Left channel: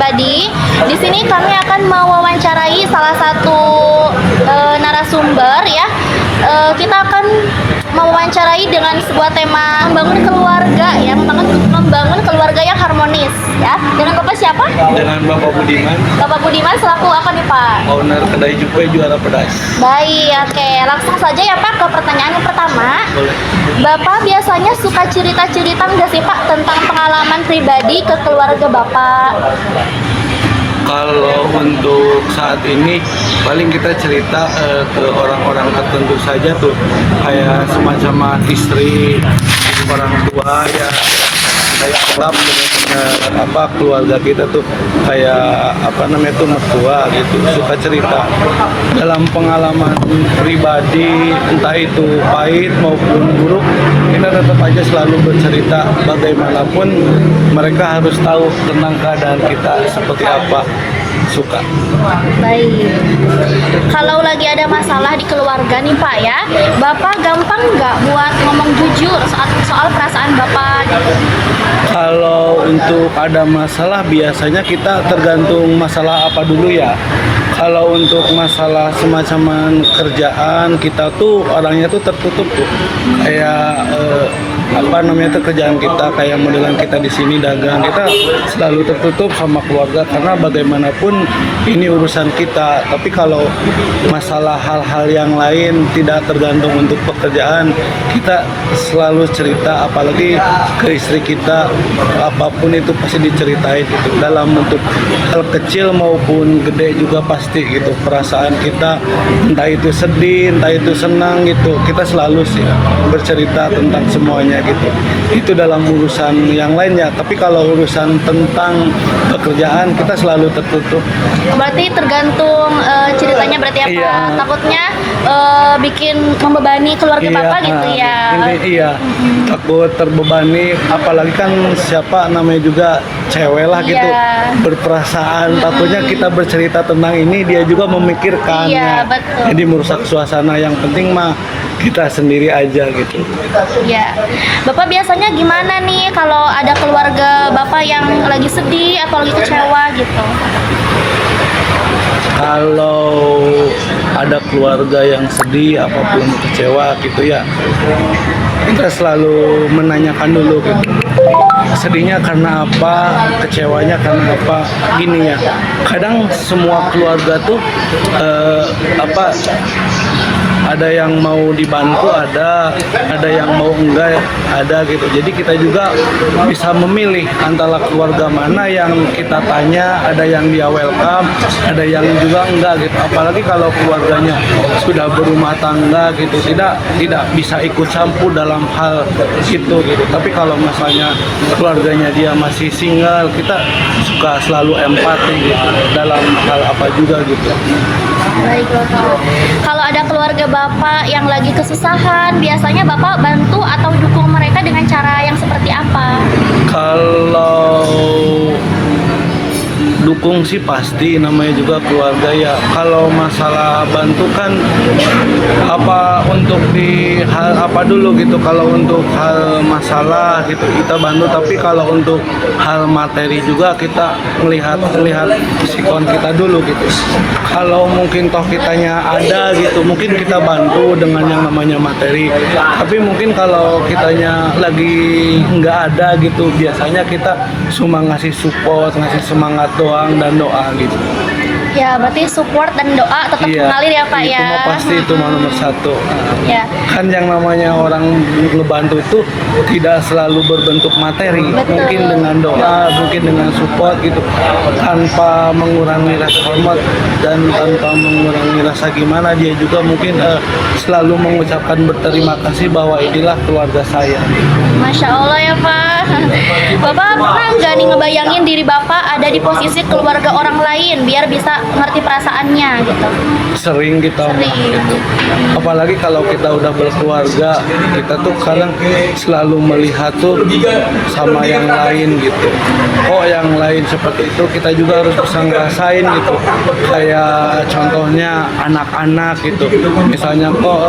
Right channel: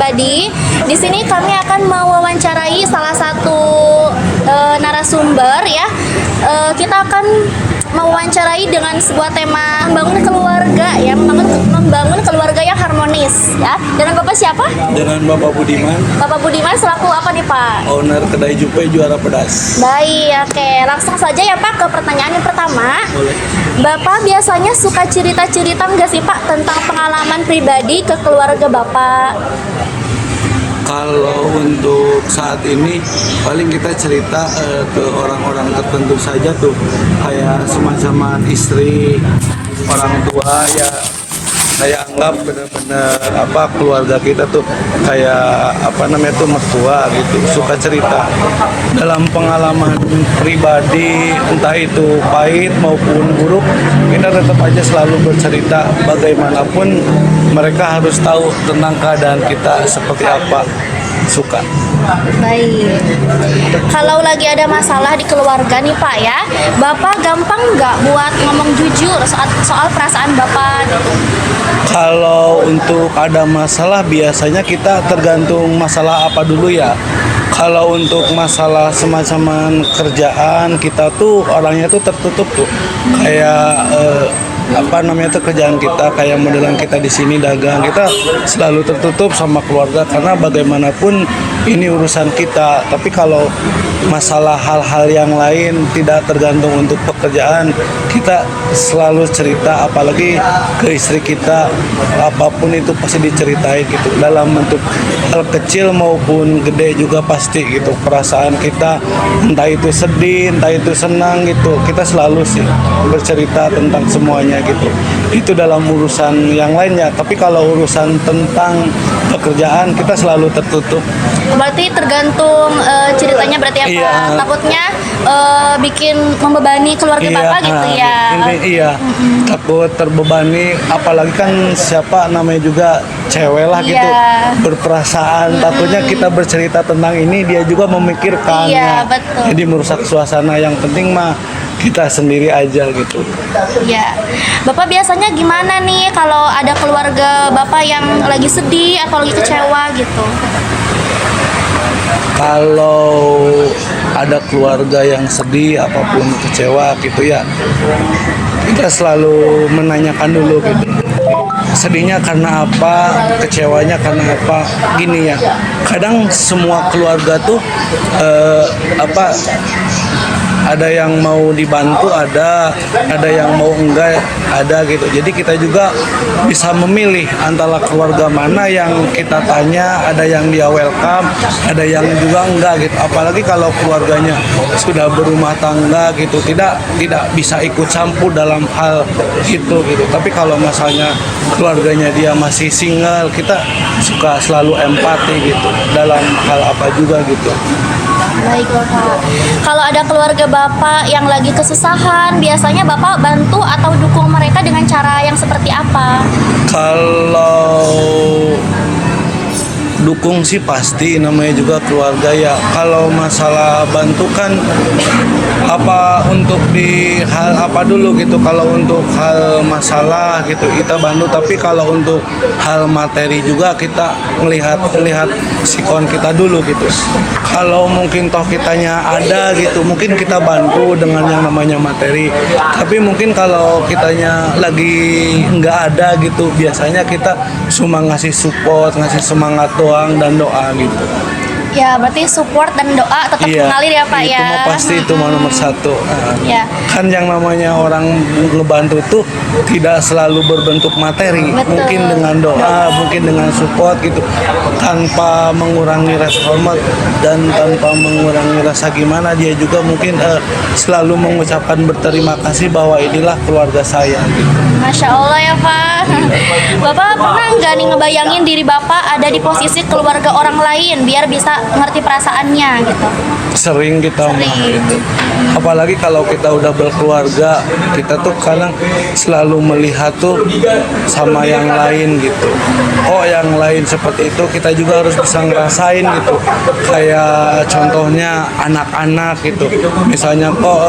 pribadi. Di sini kami akan mewawancarai salah satu narasumber ya. Kita akan mewawancarai dengan sebuah tema membangun keluarga ya, membangun keluarga yang harmonis ya. Dengan Bapak siapa? Dengan Bapak Budiman. Bapak Budiman selaku apa nih Pak? Owner kedai Jupe Juara Pedas. Baik, oke. Langsung saja ya Pak ke pertanyaan yang pertama. Boleh. Bapak biasanya suka cerita-cerita nggak sih Pak tentang pengalaman pribadi ke keluarga Bapak? Kalau untuk saat ini paling kita cerita ke orang-orang tertentu saja tuh, kayak semacam istri, orang tua ya, kayak anggap apa keluarga kita tuh kayak apa namanya tuh mertua gitu, suka cerita dalam pengalaman pribadi, entah itu pahit maupun buruk, kita tetap aja selalu bercerita. Bagaimanapun mereka harus tahu tentang keadaan kita seperti apa. Suka. Baik. Kalau lagi ada masalah di keluarga nih Pak ya, Bapak gampang nggak buat ngomong jujur soal perasaan Bapak gitu? Kalau untuk ada masalah biasanya kita tergantung masalah apa dulu ya. Kalau untuk masalah semacam kerjaan kita tuh orangnya tuh tertutup tuh. Kayak apa namanya tuh kerjaan kita, kayak modelan kita di sini dagang, kita selalu tertutup sama keluarga karena bagaimanapun ini urusan kita. Tapi kalau masalah hal-hal yang lain tidak tergantung untuk pekerjaan, kita selalu cerita, apalagi ke istri kita, apapun itu pasti diceritain gitu, dalam bentuk hal kecil maupun gede juga pasti gitu. Perasaan kita entah itu sedih, entah itu senang gitu, kita selalu sih bercerita tentang semuanya gitu. Itu dalam urusan yang lainnya, tapi kalau urusan tentang pekerjaan kita selalu tertutup. Berarti tergantung ceritanya berarti apa? Iya. Takutnya bikin membebani keluarga Bapak gitu ya. Iya, takut terbebani, apalagi kan siapa namanya juga cewek lah gitu, Iya. berperasaan, takutnya kita bercerita tentang ini dia juga memikirkan. Iya, betul. Jadi merusak suasana. Yang penting mah kita sendiri aja gitu. Ya, Bapak biasanya gimana nih kalau ada keluarga Bapak yang lagi sedih atau lagi kecewa gitu? Kalau ada keluarga yang sedih apapun kecewa gitu ya, kita selalu menanyakan dulu gitu, sedihnya karena apa, kecewanya karena apa. Gini ya, kadang semua keluarga tuh ada yang mau dibantu, ada yang mau enggak, ada gitu. Jadi kita juga bisa memilih antara keluarga mana yang kita tanya, ada yang dia welcome, ada yang juga enggak gitu. Apalagi kalau keluarganya sudah berumah tangga gitu, tidak bisa ikut campur dalam hal itu gitu. Tapi kalau misalnya keluarganya dia masih single, kita suka selalu empati gitu dalam hal apa juga gitu. Baik Bapak. Kalau ada keluarga Bapak yang lagi kesusahan, biasanya Bapak bantu atau dukung mereka dengan cara yang seperti apa? Kalau dukung sih pasti, namanya juga keluarga ya. Kalau masalah bantu kan apa untuk di hal apa dulu gitu. Kalau untuk hal masalah gitu kita bantu, tapi kalau untuk hal materi juga kita melihat sikon kita dulu gitu. Kalau mungkin toh kitanya ada gitu, mungkin kita bantu dengan yang namanya materi. Tapi mungkin kalau kitanya lagi nggak ada gitu, biasanya kita cuma ngasih support, ngasih semangat doang dan doa gitu. Ya, berarti support dan doa tetap mengalir ya Pak itu ya. mah pasti, itu mah nomor satu. Ya. Kan yang namanya orang ngebantu tuh tidak selalu berbentuk materi. Betul. Mungkin dengan doa, mungkin dengan support gitu, tanpa mengurangi rasa hormat dan tanpa mengurangi rasa gimana, dia juga mungkin selalu mengucapkan berterima kasih bahwa inilah keluarga saya gitu. Masya Allah ya Pak. Bapak pernah nggak nih ngebayangin diri Bapak ada di posisi keluarga orang lain biar bisa ngerti perasaannya gitu? Sering kita mah gitu. Apalagi kalau kita udah berkeluarga, kita tuh kadang selalu melihat tuh sama yang lain gitu. Oh yang lain seperti itu, kita juga harus bisa ngerasain gitu. Kayak contohnya anak-anak gitu. Misalnya kok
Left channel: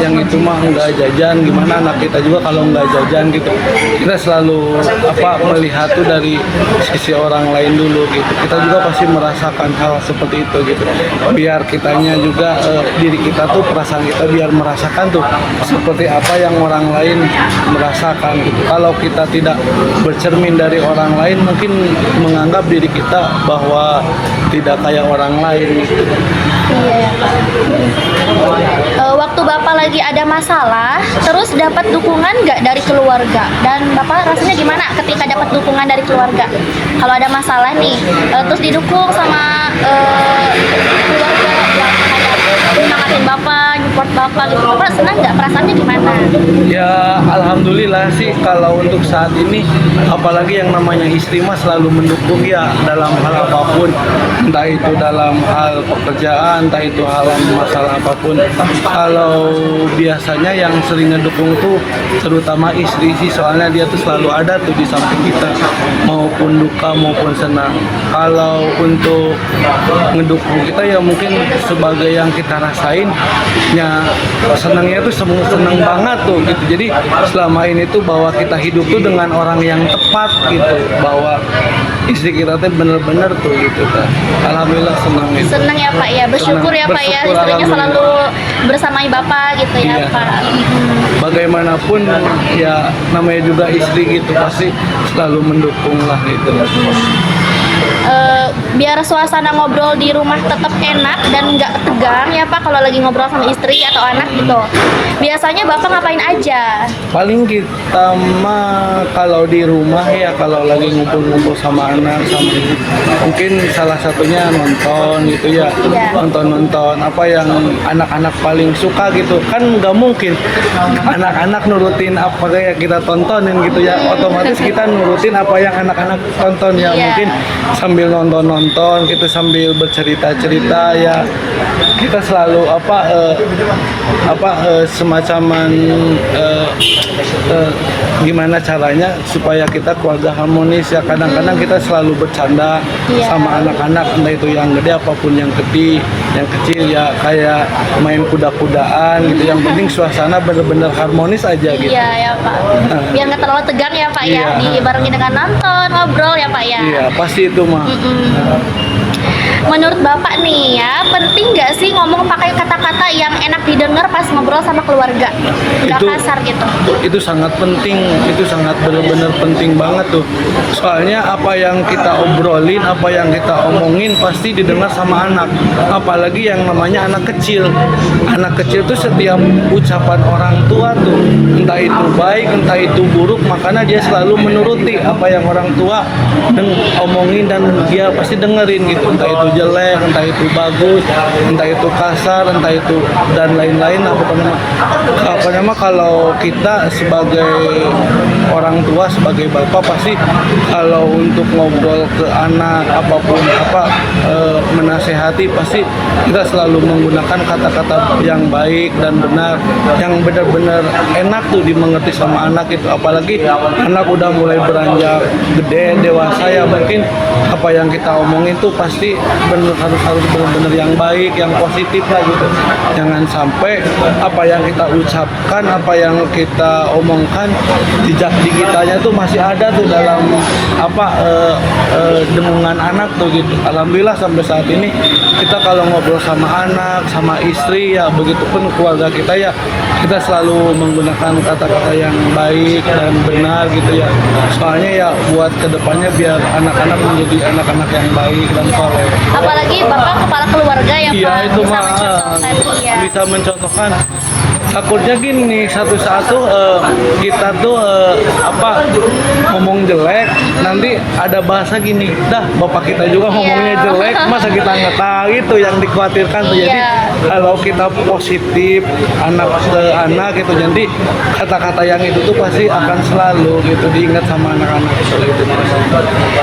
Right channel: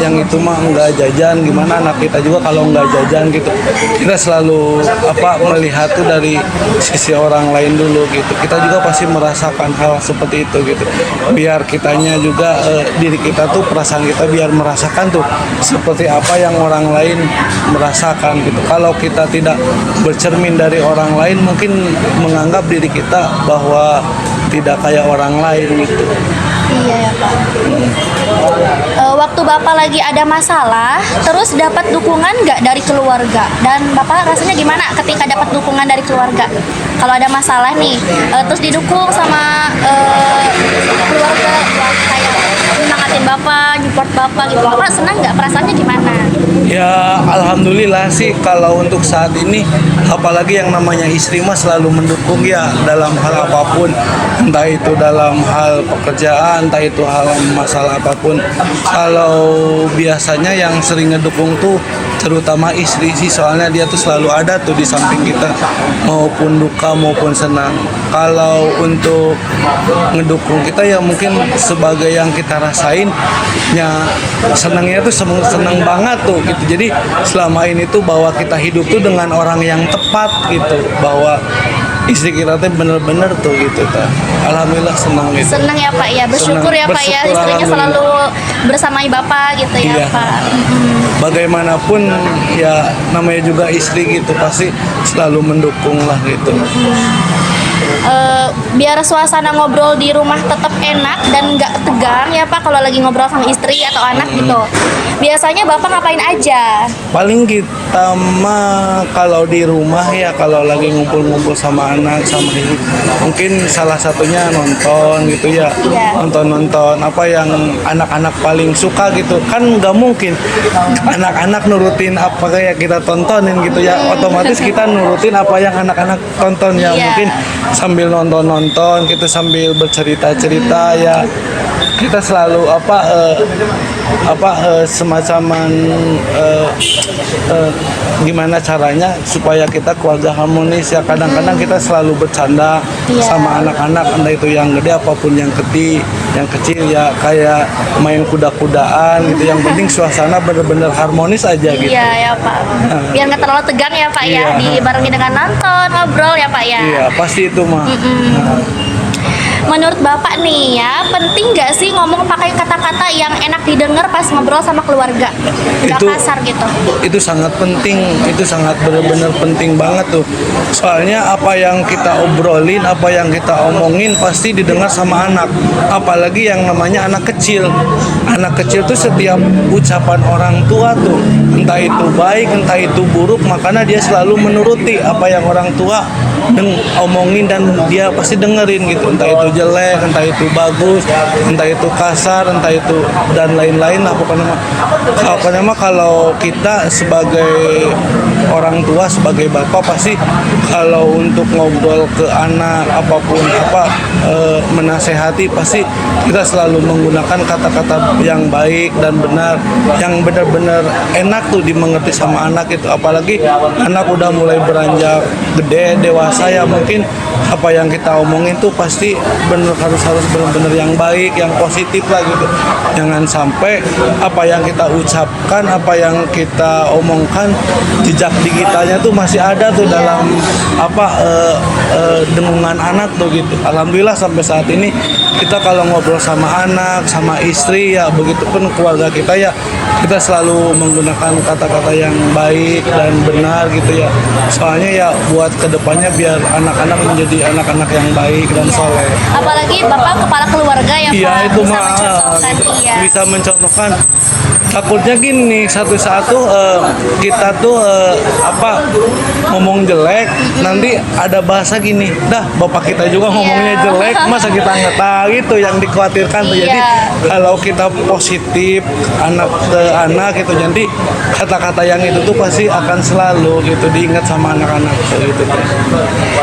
yang itu mah nggak jajan, gimana anak kita juga kalau nggak jajan gitu. Kita selalu selalu melihat tuh dari sisi orang lain dulu gitu. Kita juga pasti merasakan hal seperti itu gitu. Biar kitanya juga diri kita tuh, perasaan kita biar merasakan tuh seperti apa yang orang lain merasakan gitu. Kalau kita tidak bercermin dari orang lain, mungkin menganggap diri kita bahwa tidak kayak orang lain gitu. Iya ya Pak. Waktu Bapak lagi ada masalah, terus dapat dukungan nggak dari keluarga? Dan Bapak rasanya gimana ketika dapat dukungan dari keluarga? Kalau ada masalah nih, terus didukung sama keluarga yang kayak nyemangatin Bapak, support Bapak gitu. Bapak senang nggak? Perasaannya gimana? Ya alhamdulillah sih kalau untuk saat ini, apalagi yang namanya istri mah selalu mendukung ya dalam hal apapun, entah itu dalam hal pekerjaan, entah itu hal masalah apapun. Kalau biasanya yang sering ngedukung tuh terutama istri sih, soalnya dia tuh selalu ada tuh di samping kita maupun duka maupun senang. Kalau untuk ngedukung kita ya mungkin sebagai yang kita rasain ya, senangnya tuh seneng banget tuh gitu. Jadi selama ini tuh bahwa kita hidup tuh dengan orang yang tepat gitu, bahwa istri kita tuh bener-bener tuh gitu tuh. Alhamdulillah senang gitu. Senang ya Pak ya, bersyukur Senang, ya Pak ya, bersyukur, istrinya selalu alhamdulillah. bersamai Bapak gitu ya Iya. Pak. Bagaimanapun ya namanya juga istri gitu, pasti selalu mendukung lah gitu. Biar suasana ngobrol di rumah tetap enak dan nggak tegang ya Pak kalau lagi ngobrol sama istri atau anak gitu. Biasanya Bapak ngapain aja? Paling kita mah kalau di rumah ya, kalau lagi ngumpul-ngumpul sama anak sama ibu, mungkin salah satunya nonton gitu ya. Iya. Nonton apa yang anak-anak paling suka gitu. Kan nggak mungkin anak-anak nurutin apa kayak kita tontonin gitu ya. Otomatis kita nurutin apa yang anak-anak tonton ya. Iya. Mungkin sambil nonton kita sambil bercerita-cerita ya, kita selalu semacam gimana caranya supaya kita keluarga harmonis ya. Kadang-kadang kita selalu bercanda Iya. sama anak-anak, entah itu yang gede apapun yang kecil ya, kayak main kuda-kudaan gitu. Yang penting suasana bener-bener harmonis aja gitu. Iya ya Pak. Biar nggak terlalu tegang ya Pak ya, Iya. dibarengi dengan nonton, ngobrol ya Pak ya. Iya pasti itu mah. Menurut Bapak nih ya, penting nggak sih ngomong pakai kata-kata yang enak didengar pas ngobrol sama keluarga? Nggak Itu- kasar gitu. Itu sangat penting, itu sangat benar-benar penting banget tuh. Soalnya apa yang kita obrolin, apa yang kita omongin pasti didengar sama anak. Apalagi yang namanya anak kecil. Anak kecil tuh setiap ucapan orang tua tuh, entah itu baik, entah itu buruk, makanya dia selalu menuruti apa yang orang tua omongin dan dia pasti dengerin gitu. Entah itu jelek, entah itu bagus, entah itu kasar, entah itu dan lain-lain lah pokoknya mah kalau kita sebagai orang tua, sebagai bapak pasti kalau untuk ngobrol ke anak apapun menasehati, pasti kita selalu menggunakan kata-kata yang baik dan benar, yang benar-benar enak tuh dimengerti sama anak itu. Apalagi anak udah mulai beranjak gede dewasa ya, mungkin apa yang kita omongin tuh pasti harus benar-benar yang baik, yang positif lah gitu. Jangan sampai apa yang kita ucapkan, apa yang kita omongkan, jejak digitalnya tuh masih ada tuh dalam dengungan anak tuh gitu. Alhamdulillah sampai saat ini kita kalau ngobrol sama anak, sama istri ya, begitupun keluarga kita ya, kita selalu menggunakan kata-kata yang baik dan benar gitu ya. Soalnya ya buat kedepannya biar anak-anak menjadi anak-anak yang baik dan soleh. Apalagi Bapak kepala keluarga ya Iya Pak, itu bisa mah mencontohkan iya. bisa mencontohkan. Takutnya gini, satu saat tuh kita tuh ngomong jelek, nanti ada bahasa gini, dah bapak kita juga ngomongnya jelek, masa kita nggak tahu, itu yang dikhawatirkan tuh. Jadi Iya. kalau kita positif anak ke anak gitu, jadi kata-kata yang itu tuh pasti akan selalu gitu diingat sama anak-anak gitu.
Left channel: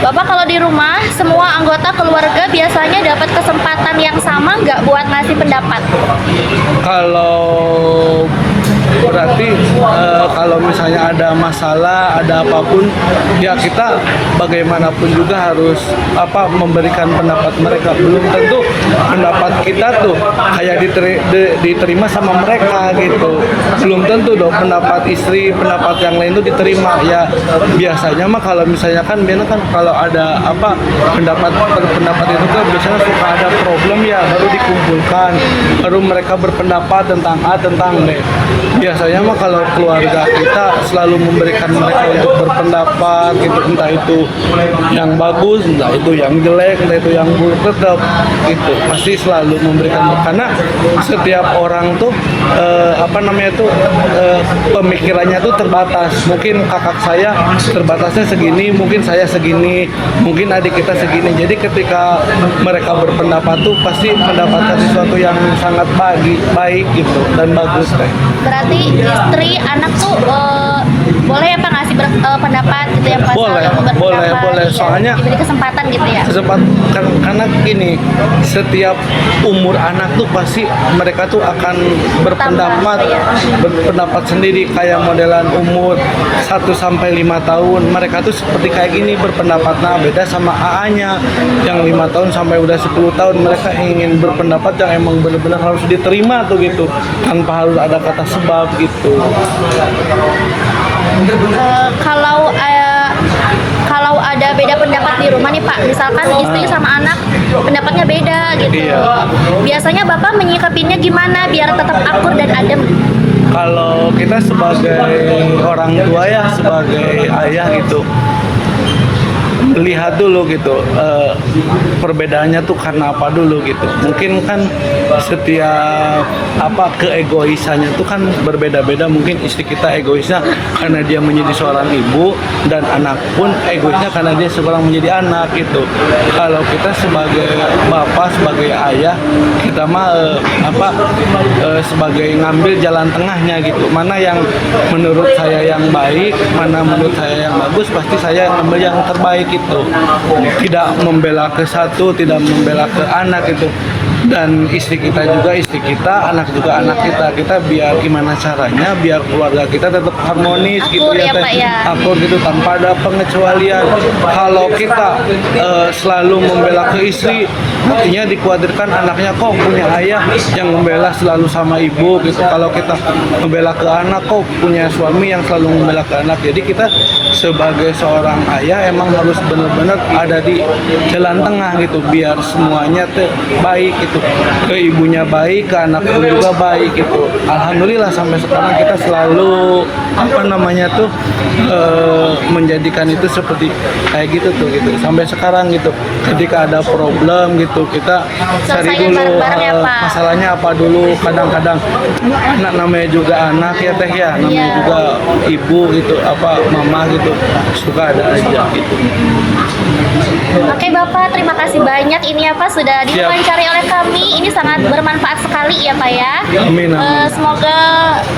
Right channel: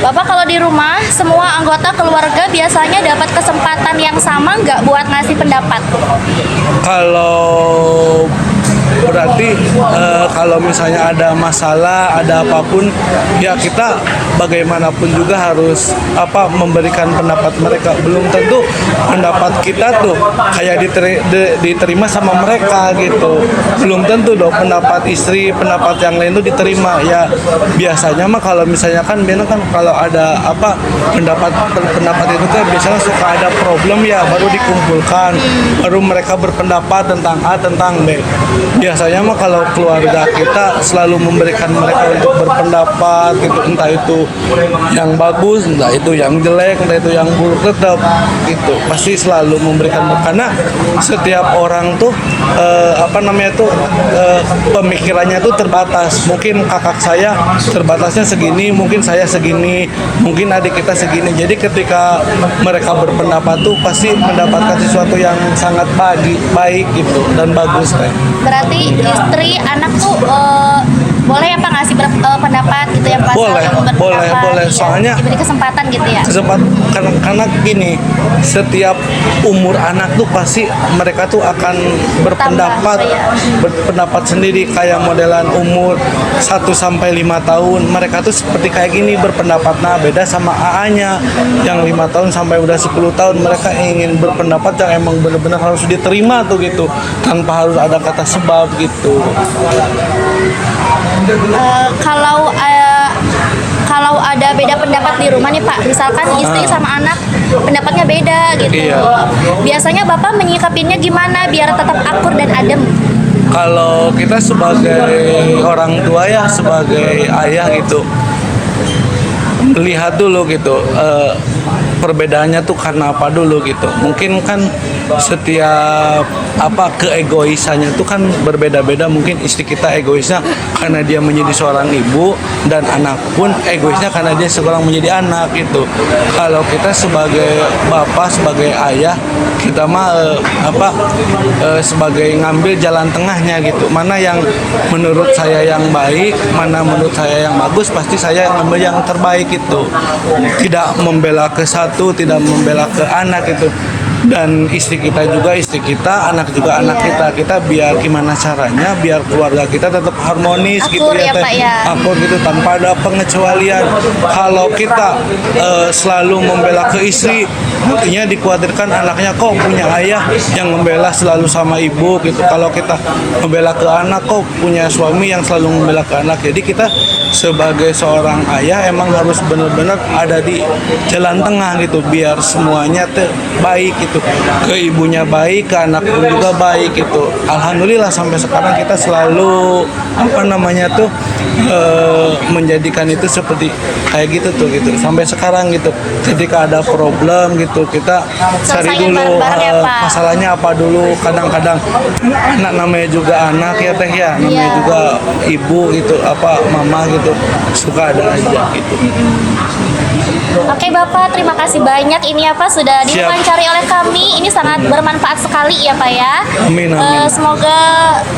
Bapak kalau di rumah, semua anggota keluarga biasanya dapat kesempatan yang sama nggak buat ngasih pendapat? Kalau berarti kalau misalnya ada masalah, ada apapun, ya kita bagaimanapun juga harus memberikan pendapat mereka. Belum tentu pendapat kita tuh kayak diterima sama mereka gitu. Belum tentu dong pendapat istri, pendapat yang lain tuh diterima. Ya biasanya mah kalau misalnya kan kalau ada pendapat itu kan biasanya suka ada problem ya, baru dikumpulkan, baru mereka berpendapat tentang A tentang B. Biasanya mah kalau keluarga kita selalu memberikan mereka untuk berpendapat gitu, entah itu yang bagus, entah itu yang jelek, entah itu yang buruk, tetap itu pasti selalu memberikan, karena setiap orang tuh pemikirannya tuh terbatas. Mungkin kakak saya terbatasnya segini, mungkin saya segini, mungkin adik kita segini. Jadi ketika mereka berpendapat tuh pasti mendapatkan sesuatu yang sangat baik gitu dan bagus kan. Berarti istri, anak tuh boleh apa ngasih pendapat gitu ya Pak? Boleh. Soalnya diberi kesempatan gitu ya. Karena gini, setiap umur anak tuh pasti mereka tuh akan berpendapat sendiri, kayak modelan umur 1 sampai 5 tahun. Mereka tuh seperti kayak gini berpendapat. Nah, beda sama AA-nya yang 5 tahun sampai udah 10 tahun, mereka ingin berpendapat yang emang benar-benar harus diterima tuh gitu, tanpa harus ada kata sebab gitu. Kalau ada beda pendapat di rumah nih Pak, misalkan istri sama anak pendapatnya beda gitu. Iya. Biasanya Bapak menyikapinya gimana biar tetap akur dan adem? Kalau kita sebagai orang tua ya, sebagai ayah gitu, lihat dulu gitu perbedaannya tuh karena apa dulu gitu. Mungkin kan setiap keegoisannya itu kan berbeda-beda. Mungkin istri kita egoisnya karena dia menjadi seorang ibu, dan anak pun egoisnya karena dia seorang menjadi anak gitu. Kalau kita sebagai bapak, sebagai ayah, kita mah sebagai ngambil jalan tengahnya gitu. Mana yang menurut saya yang baik, mana menurut saya yang bagus, pasti saya ngambil yang terbaik itu. Tidak membela ke satu, tidak membela ke anak itu. Dan istri kita juga istri kita, anak juga anak kita. Kita biar gimana caranya biar keluarga kita tetap harmonis gitu Akur ya, ya, Pak, ya. akur gitu tanpa ada pengecualian. Kalau kita selalu membela ke istri, artinya dikhawatirkan anaknya kok punya ayah yang membela selalu sama ibu gitu. Kalau kita membela ke anak, kok punya suami yang selalu membela ke anak. Jadi kita sebagai seorang ayah emang harus benar-benar ada di jalan tengah gitu, biar semuanya baik gitu. Ke ibunya baik, ke anak pun juga baik gitu. Alhamdulillah sampai sekarang kita selalu menjadikan itu seperti kayak gitu tuh gitu. Sampai sekarang gitu. Ketika ada problem gitu, kita cari dulu masalahnya apa dulu. Kadang-kadang anak namanya juga anak ya teh ya, namanya juga ibu gitu, mama gitu, suka ada aja gitu. Oke Bapak, terima kasih banyak ini ya Pak sudah diwawancari oleh kami. Ini sangat bermanfaat sekali ya Pak ya. Amin. Semoga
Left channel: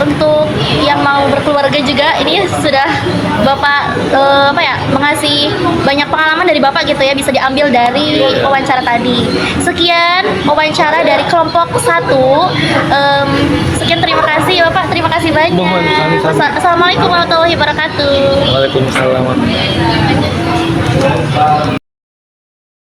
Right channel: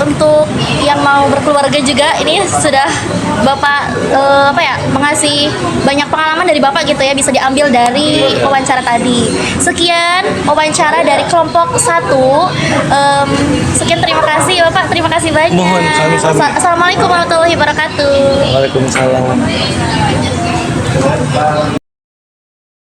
untuk yang mau berkeluarga juga ini sudah Bapak mengasih banyak pengalaman dari Bapak gitu ya, bisa diambil dari wawancara tadi. Sekian wawancara dari kelompok 1. Sekian, terima kasih Bapak, terima kasih banyak. Mohon sami-sami. Assalamualaikum warahmatullahi wabarakatuh. Waalaikumsalam.